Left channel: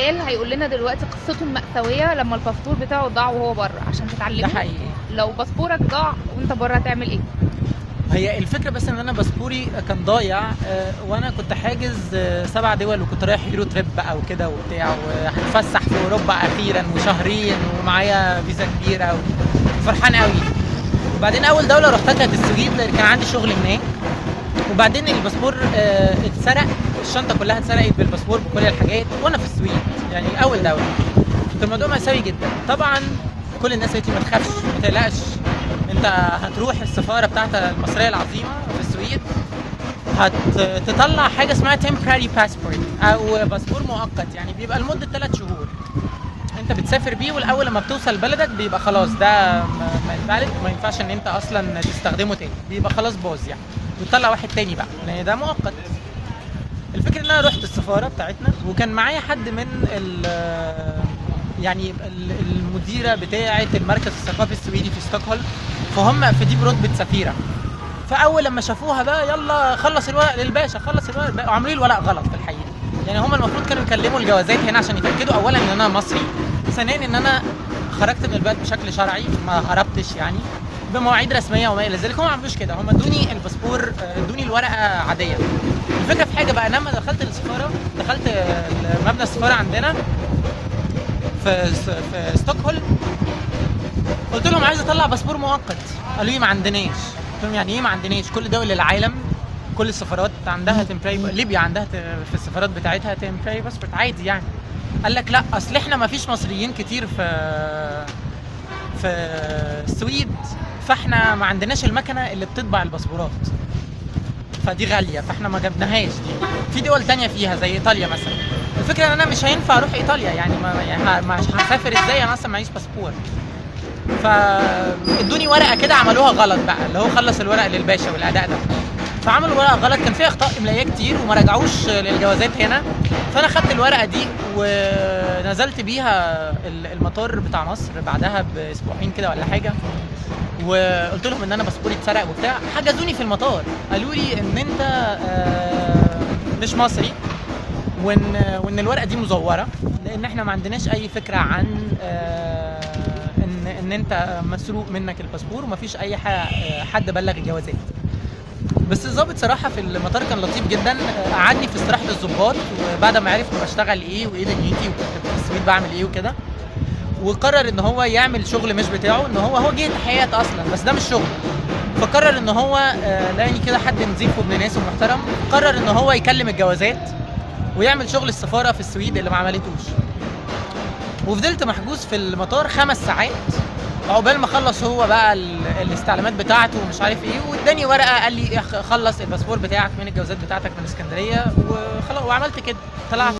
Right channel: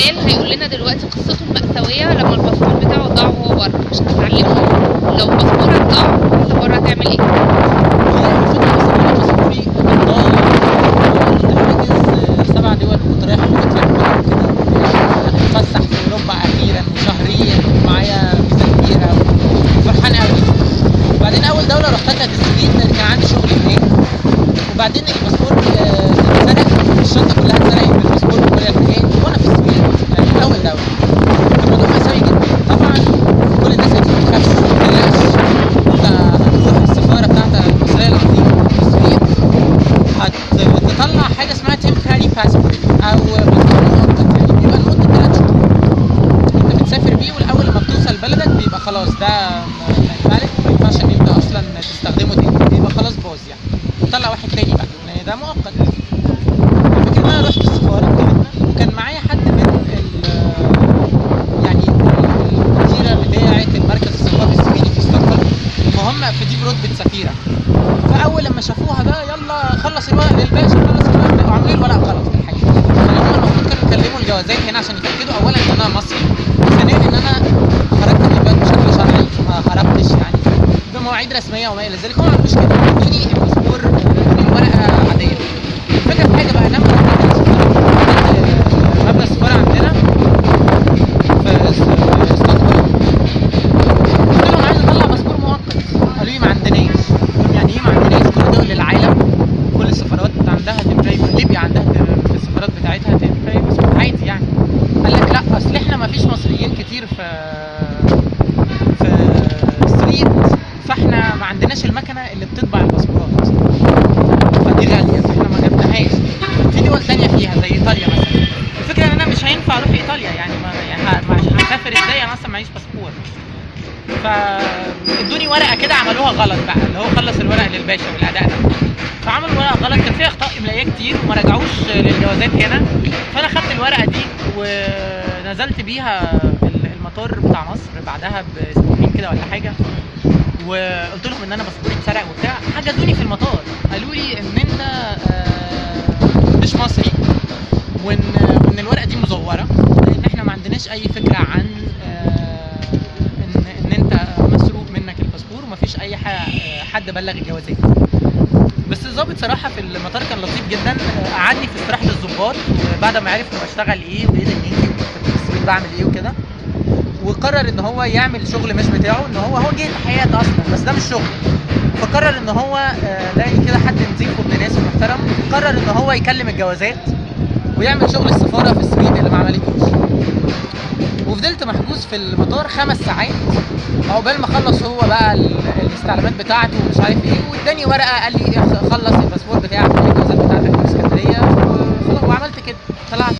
بلال هيقول لنا دلوقتي قصته المأساوية لما الباسبور بتاعه ضاع وهو بره عشان ده تتعلمه. حقيقي. لو باسبورك ضاع وانت بره هتعمل ايه؟ هي الفكرة بس ان انا باسبوري كان ضايع، وانا كنت حاجز 7 دول، وكنت رايح كرواتيا بقى وكده وبتاع، وهنتفسح في اوروبا اخيرا وشهرين ومعايا فيزا كبيرة وفرحان قوي. وبعدين اول دولة رحتها كانت السويد لان كان عندي شغل هناك. وبعدين الباسبور اتسرق، الشنطة كلها اتسرقت بالباسبور بكل الحاجات وانا في السويد، يعني اول دولة. كان الموضوع مأساوي جدا طبعا. كل الناس قالت لي ما تخافش ما تقلقش، انت هتروح السفارة بتاعت المصرية العظيمة في السويد، هتطلع حاجة اسمها temporary passport او باسبور مؤقت، يعني بيبقى لمدة 3 شهور انت بتسافر بيه، والاول لما بتوصل بلدك بيبقى خلاص ده ما ينفعش ان انت اصلا تستخدمه تاني، بيبقى خلاص باظ يعني، وتطلع واحد تاني بقى لان ده مؤقت. الفكرة ان انا رحت السفارة بتاعتنا وكان معايا حد من يعني المديرة بتاعة المركز الثقافي السويدي في ستوكهولم، فهم في دي برتبة سفيرة. فاول لما شافوها بقى يلا خلص الورق للباشا، خلص الورق للباشا، وعملوا لي الورق غلط في الحقيقه. يعني هم المفروض كانوا يكلموا الجوازات هنا عشان يتاكدوا اولا ان انا مصري، ثانيا ان انا خرجت من البلد بشكل شرعي ما هربتش يعني بمواعيد رسميه وما الى ذلك. هم ما عملوش كده، ادوني الباسبور، ادوني الورقه عاديه. الفكره في حاجه بقى، انا لما دخلت السفاره، دخلت مبنى السفاره عندنا في ستوكهولم، قلت لهم عايز اطلع باسبور مؤقت، قالوا لي ما عندناش. قلت لهم يعني ايه ما عندناش؟ كل دول العالم كل السفارات عندها تمبراي، ليبيا عندها في السفارات بتاعتها تمبراي باسبور عادي يعني. قال لك لا اصل احنا ما فيش مصريين كتير في السويد، فاحنا ما عندناش المكنه اللي بتطبع الباسبورات، فدي غاليه فاحنا ما جبناهاش. في دول تانية فيها زي ايطاليا مثلا. الفكره ان انا مش هينفع اروح ايطاليا يعني، مش هسافر ازاي انا اصلا معيش باسبور. فادوني ورقه كده عملوها غلط بقى، اللي هو خلص الورق للباشا والاداء ده، فعملوا ورقه غلط كان فيها اخطاء املائيه كتير وما رجعوش للجوازات هنا. فانا خدت الورقه دي ونزلت بيها المطار بتاع مصر بعدها باسبوعين كده ولا حاجه، وقلت لهم ان انا باسبوري اتسرق وبتاع. حجزوني في المطار قالوا لي ان انت مش مصري، وان الورقه دي مزوره، لان احنا ما عندناش اي فكره عن ان انت مسروق منك الباسبور، ومفيش اي حد بلغ الجوازات. بس الضابط صراحه في المطار كان لطيف جدا، قعدني في استراحه الضباط، وبعد ما عرف انا بشتغل ايه وايه دنيتي وكنت في السويد بعمل ايه وكده، وقرر ان هو يعمل شغل مش بتاعه، ان هو جه تحيات اصلا بس ده مش شغل. فقرر ان هو لاقي كده حد نظيف وابن ناس ومحترم، قرر ان هو يكلم الجوازات ويعمل شغل السفاره في السويد اللي ما عملتوش. وفضلت محجوز في المطار 5 ساعات عقبال ما خلص هو بقى الاستعلامات بتاعته ومش عارف ايه، واداني ورقه قال لي خلص الباسبور بتاعك من الجوازات بتاعتك من اسكندريه وخلاص. وعملت كده، طلعت.